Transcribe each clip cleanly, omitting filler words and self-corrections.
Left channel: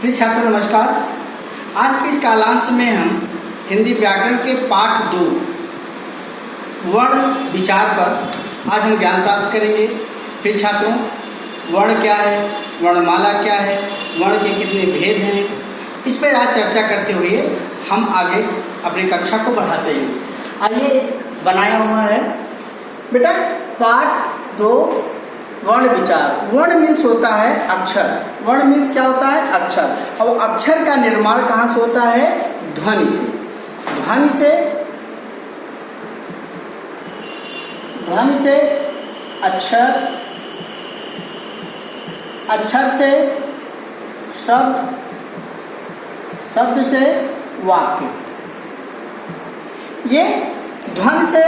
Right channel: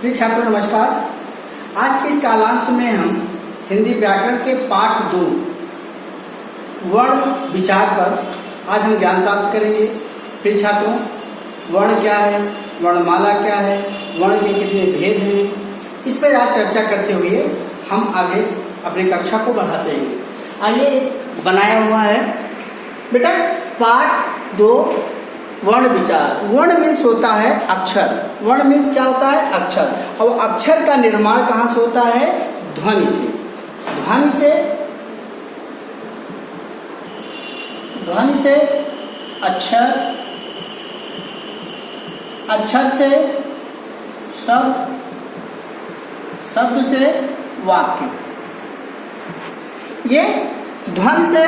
प्रिय छात्रों नमस्कार। आज के इस कालांश में हम हिंदी व्याकरण के पाठ 2 वर्ण विचार पर आज हम ज्ञान प्राप्त करेंगे। प्रिय छात्रों, वर्ण क्या है, वर्णमाला क्या है, वर्ण के कितने भेद हैं, इस पर आज चर्चा करते हुए हम आगे अपनी कक्षा को बढ़ाते हैं। आइए बनाया हुआ है बेटा पाठ 2 वर्ण विचार। वर्ण मीन्स होता है अक्षर। वर्ण मीन्स क्या होता है? अक्षर। और अक्षर का निर्माण कहाँ से होता है? ध्वनि से। ध्वनि से अक्षर, अक्षर से शब्द, शब्द से वाक्य। ये ध्वनि से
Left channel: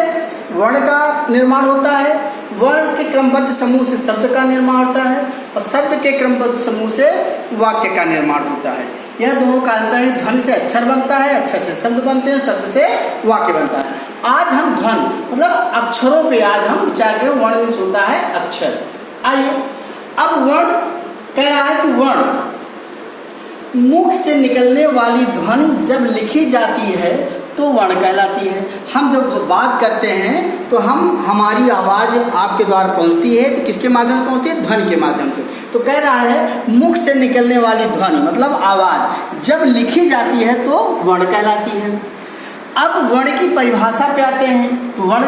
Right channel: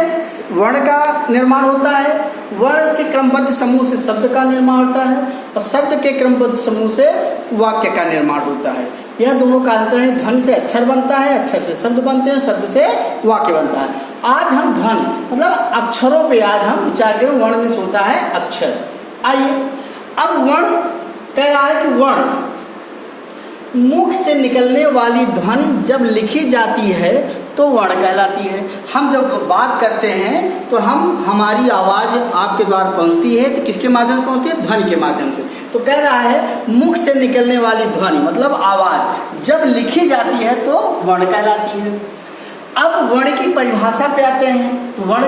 वर्ण का निर्माण होता है, वर्ण के क्रमबद्ध समूह से शब्द का निर्माण होता है और शब्द के क्रमबद्ध समूह से वाक्य का निर्माण होता है। यह दोनों का अंतर है। ध्वनि से अक्षर बनता है, अक्षर से शब्द बनते हैं, शब्द से वाक्य बनता है। आज हम ध्वनि मतलब अक्षरों पे आज हम विचार करें। वर्ण मीन्स होता है अक्षर। आइए अब वर्ण कह रहा है कि वर्ण मुख से निकलने वाली ध्वनि जब लिखी जाती है तो वर्ण कहलाती है। हम जब बात करते हैं तो हमारी आवाज़ आपके द्वारा पहुंचती है तो किसके माध्यम से पहुंचती है? ध्वनि के माध्यम से। तो कह रहा है मुख से निकलने वाली ध्वनि मतलब आवाज़ जब लिखी जाती है तो वर्ण कहलाती है। अब वर्ण की परिभाषा पे आते हैं तो वर्ण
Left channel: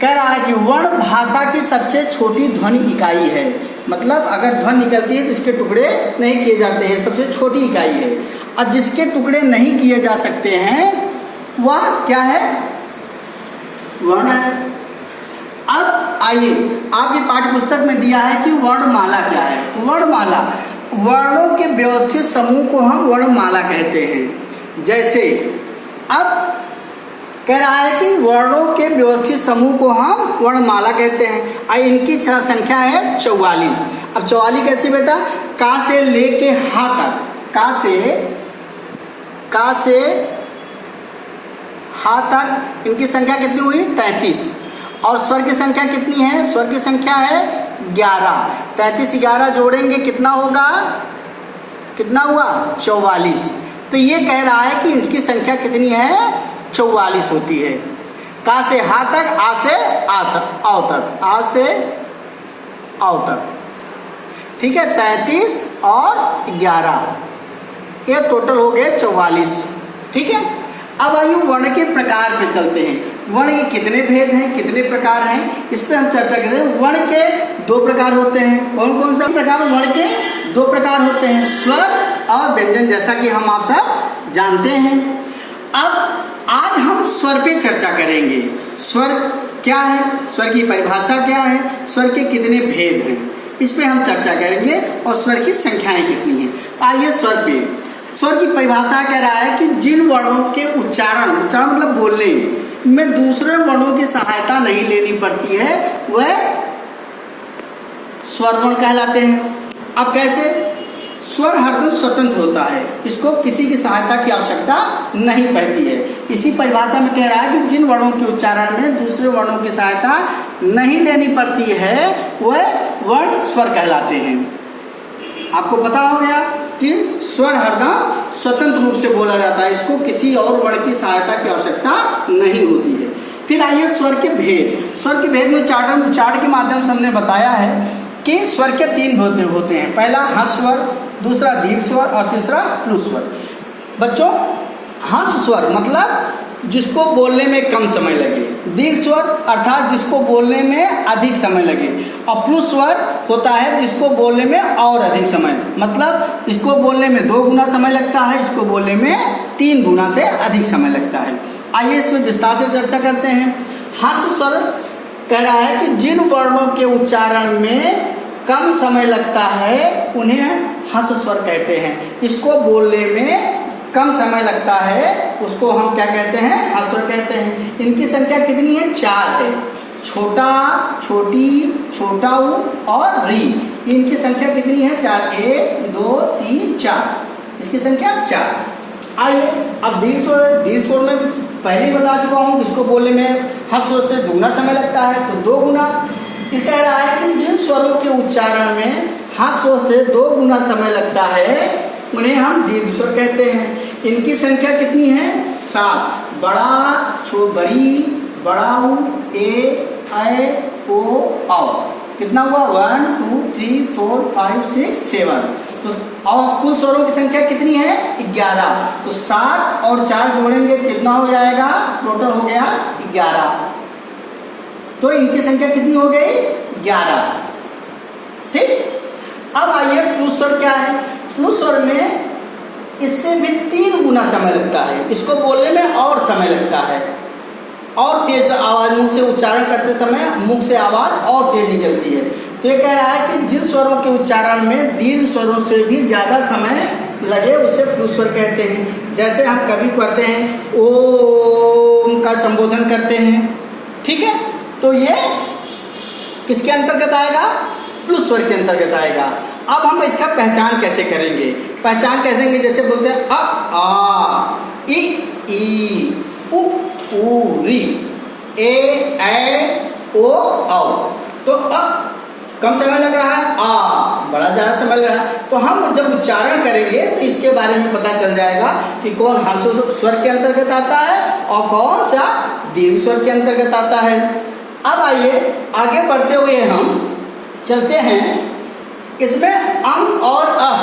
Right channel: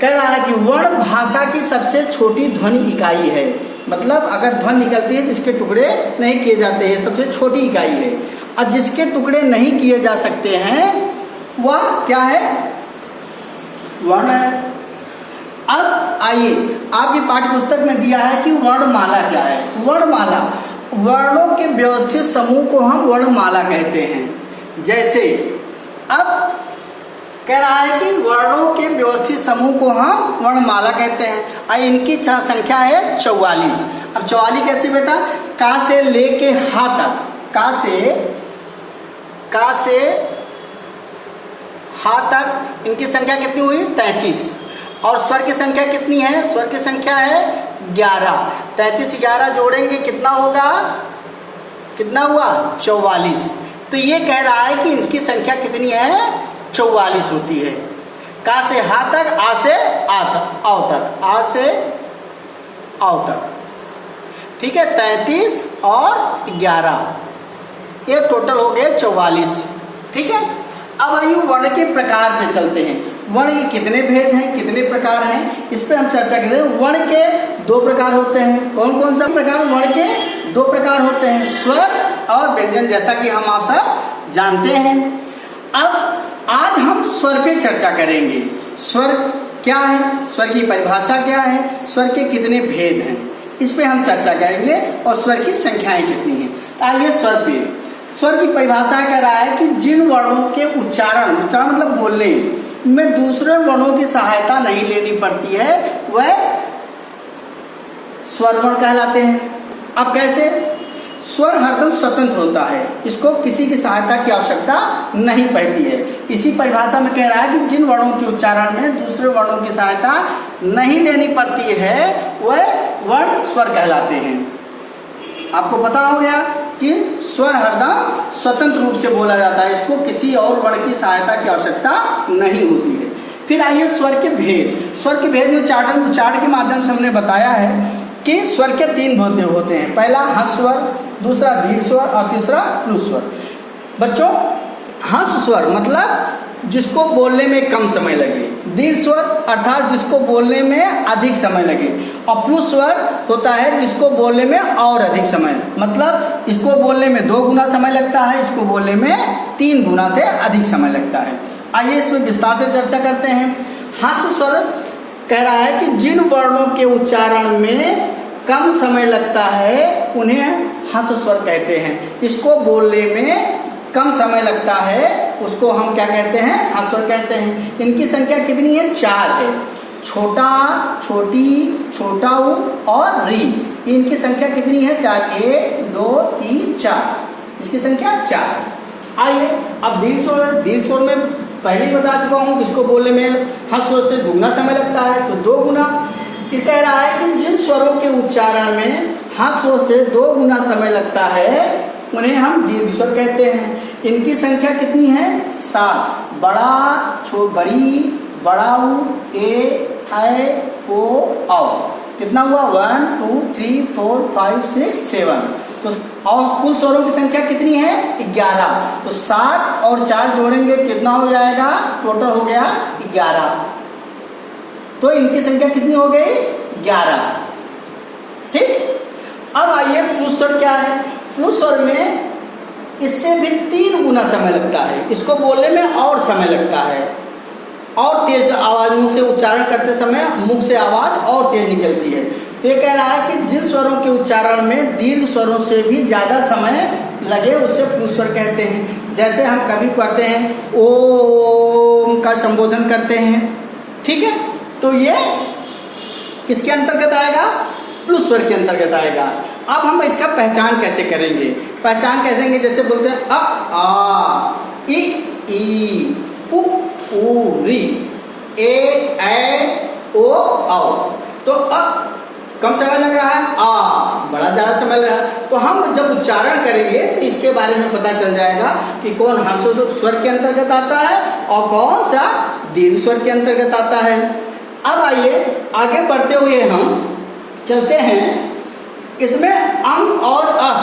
कह रहा है कि वर्ण भाषा की सबसे छोटी ध्वनि इकाई है। मतलब अगर ध्वनि निकलती है तो इसके टुकड़े नहीं किए जाते हैं, सबसे छोटी इकाई है। और जिसके टुकड़े नहीं किए जा सकते हैं वह क्या है? वर्ण है। अब आइए आपकी पाठ्य पुस्तक में दिया है कि वर्णमाला क्या है। तो वर्णमाला वर्णों के व्यवस्थित समूह को हम वर्णमाला कहते हैं। जैसे अब कह रहा है कि वर्णों के व्यवस्थित समूह को हम वर्णमाला कहते हैं और इनकी संख्या है 44। अब 44 कैसे बेटा? का से लेके हा तक, का से हा तक इनकी संख्या कितनी हुई? 33। और स्वर की संख्या कितनी है? स्वर की संख्या है 11। 33 11 जोड़ेंगे कितना होगा? कितना हुआ? 44। तो ये कह रहा है कि इसकी संख्या कितनी है? 44 होती है। का से हा तक, आ से आ तक, आओ तक, आ से आओ तक। ठीक है, 33 और 11 ये टोटल हो गए 44। ठीक है। अब आइए वर्ण के प्रकार पे चलते हैं। वर्ण के कितने भेद हैं, कितने प्रकार हैं, इस पे हम चर्चा करें। वर्ण के 2 प्रकार होते हैं। कौन कौन सा प्रकार? वर्ण के 2 प्रकार होते हैं, स्वर और व्यंजन, जैसा कि हम आप सब जानते हैं। अब आज हम स्वर पे चर्चा करेंगे। स्वर क्या है, स्वर की परिभाषा क्या है, स्वर के कितने भेद हैं, इस पे हम चर्चा करेंगे और स्वर की संख्याएं कितनी हैं। तो आइए स्वर पे। स्वर की परिभाषा कह रहा है कि जिन वर्णों के उच्चारण मतलब बोलने में दूसरे वर्णों की सहायता नहीं लेनी पड़ती है वह स्वर वर्ण कहलाते हैं। अब कैसे? स्वर हरदम स्वतंत्र होता है, इसको किसी की सहायता की आवश्यकता नहीं पड़ती है। इसी परिभाषा में कह रहा है कि जिन वर्णों के उच्चारण में दूसरे वर्णों की सहायता नहीं लेनी पड़ती है वह वर्ण स्वर कहलाते हैं। आपको पता हो गया कि स्वर हरदम स्वतंत्र रूप से बोला जाता है, इसको किसी और वर्ण की सहायता की आवश्यकता नहीं होती है। फिर आइए स्वर के भेद। स्वर के भेद में चार्ट के माध्यम से हमने बताया है कि स्वर के 3 भेद होते हैं। पहला हंस स्वर, दूसरा दीर्घ स्वर और तीसरा प्लुत स्वर। बच्चों, हंस स्वर मतलब जिसको बोलने में कम समय लगे, दीर्घ स्वर अर्थात जिसको बोलने में अधिक समय लगे, और प्लुत स्वर होता है जिसको बोलने में और अधिक समय, मतलब इसको बोलने में 2 गुना समय लगता है, इसको बोलने में 3 गुना से अधिक समय लगता है। आइए इसमें विस्तार से चर्चा करते हैं। हंस स्वर कह रहा है कि जिन वर्णों के उच्चारण में कम समय लगता है उन्हें हंस स्वर कहते हैं। इसको बोलने में कम समय लगता है उसको हम क्या कहते हैं? हंस स्वर कहते हैं। इनकी संख्या कितनी है? 4 है। छोटा, छोटी, छोटा ऊ और री, इनकी संख्या कितनी है? 4। 1 2 3 4, इसकी संख्या 4। आइए अब दीर्घ स्वर में पहले ही बता चुका हूँ, इसको बोलने में हंस स्वर से दुगना समय लगता है तो 2 गुना। इस कह रहा है कि जिन स्वरों के उच्चारण में हंस स्वर से 2 गुना समय लगता है उन्हें हम दीर्घ स्वर कहते हैं। इनकी संख्या कितनी है? 7। बड़ा, बड़ी, बड़ाऊ, ए, ऐ, ओ, औ। कितना हुआ? 1 2 3 4 5 6 7। तो और कुल स्वरों की संख्या कितनी है? 11। तो 7 और 4 जोड़ेंगे कितना हो जाएगा? टोटल हो गया 11। तो इनकी संख्या कितनी हो गई? 11। ठीक। अब आइए पुरुष स्वर क्या है? पुरुष स्वर में इससे भी 3 गुना समय लगता है। इसको बोलने में और समय लगता है, और तेज आवाज मुंह से उच्चारण करते समय मुख से आवाज और तेज निकलती है। तो ये कह रहा है कि जिन स्वरों के उच्चारण में दीर्घ स्वरों से भी ज्यादा समय लगे उसे पुरुष स्वर कहते हैं। जैसे हम कभी करते हैं ओम का संबोधन करते हैं, ठीक है, तो ये किसके अंतर्गत आएगा? पुरुष स्वर के अंतर्गत आएगा। अब हम इसका पहचान कैसे करेंगे? पहचान कैसे करेंगे? जैसे बोलते हैं अ, आ, ई, उ, री, ए, ऐ, ओ, औ। तो कम समय लग रहा है, आ बड़ा ज्यादा समय लग रहा है। तो हम जब उच्चारण करेंगे तो इसके बारे में पता चल जाएगा कि कौन ह्रस्व स्वर के अंतर्गत आता है और कौन सा दीर्घ स्वर के अंतर्गत आता है। अब आइए आगे बढ़ते हुए हम चलते हैं। इसमें अंग और अह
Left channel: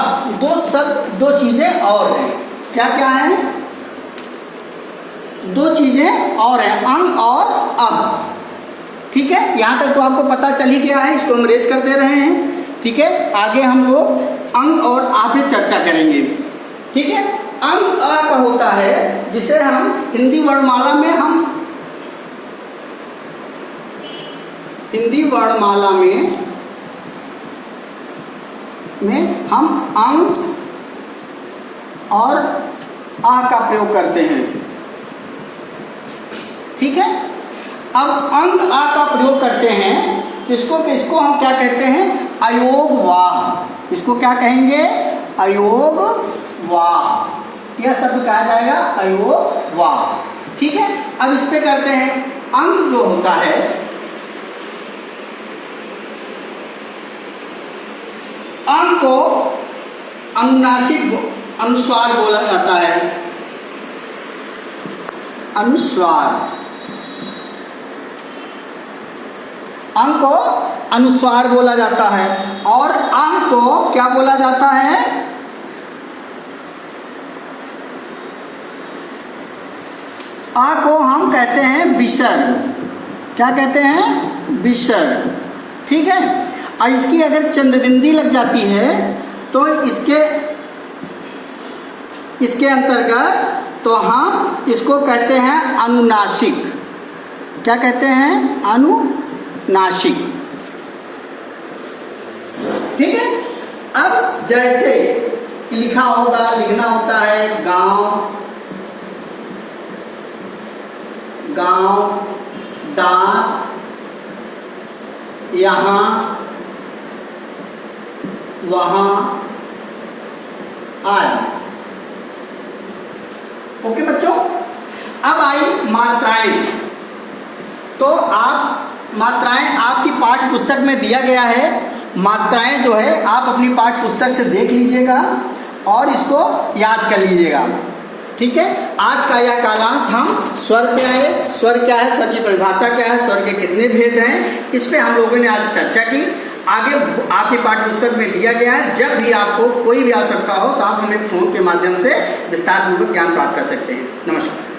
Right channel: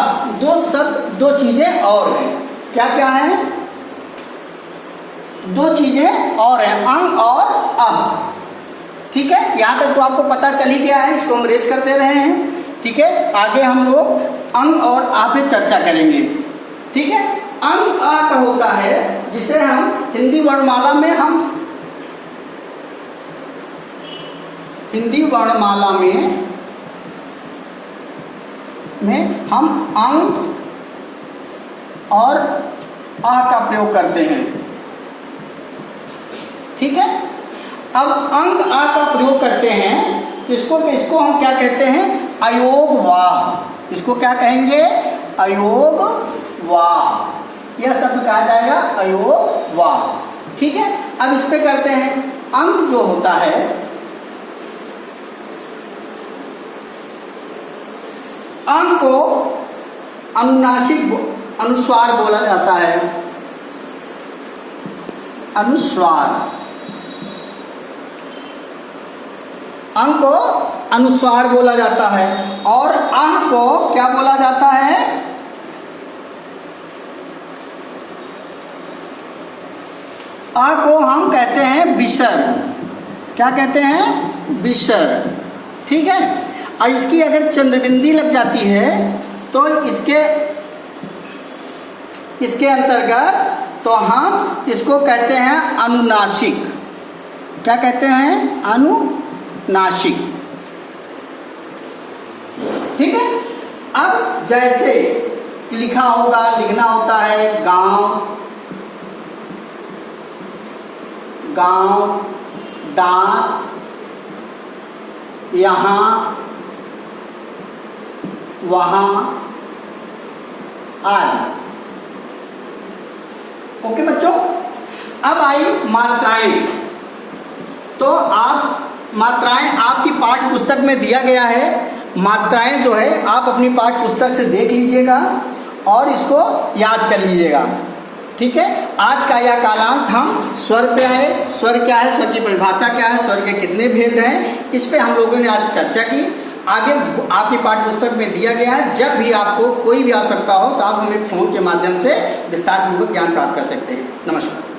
दो चीजें और हैं। क्या क्या है? 2 चीजें और हैं, अंग और अह। ठीक है, यहां तक तो आपको पता चल ही गया है, इसको हम रेज करते रहे हैं। ठीक है, आगे हम लोग अंग और आ पे चर्चा करेंगे। ठीक है, अंग अ का होता है जिसे हम हिंदी वर्णमाला में हम अंग और आ का प्रयोग करते हैं। ठीक है, अब अंग आ का प्रयोग करते हैं तो इसको हम क्या कहते हैं? अयोग वाह। इसको क्या कहेंगे? अयोग वाह। यह शब्द कहा जाएगा अयोग वाह। ठीक है, अब इस पे करते हैं। अंग जो होता है, अंग को अनुनासिक अनुस्वार बोला जाता है। अनुस्वार, अंग को अनुस्वार बोला जाता है। और आह को क्या बोला जाता है? आ को हम कहते हैं विसर्ग। क्या कहते हैं? विसर्ग। ठीक है, और इसकी अगर चंद्रबिंदी लग जाती है तो इसके अंतर्गत तो हम इसको कहते हैं अनुनासिक। क्या कहते हैं? अनुनासिक। ठीक है, अब जैसे लिखना होता है गांव, दांत, यहाँ, वहां, आदि। ओके बच्चों, अब आई मात्राएं। तो मात्राएं आपकी पाठ्य पुस्तक में दिया गया है। मात्राएं जो है आप अपनी पाठ्य पुस्तक से देख लीजिएगा और इसको याद कर लीजिएगा। ठीक है, आज का यह कालांश हम स्वर पे है। स्वर क्या है, स्वर की परिभाषा क्या है, स्वर के कितने भेद हैं, इस पे हम लोगों ने आज चर्चा की। आगे आपकी पाठ्य पुस्तक में दिया गया है। जब भी आपको कोई भी आवश्यकता हो तो आप हमें फोन के माध्यम से विस्तार पूर्वक ज्ञान प्राप्त कर सकते हैं। नमस्कार।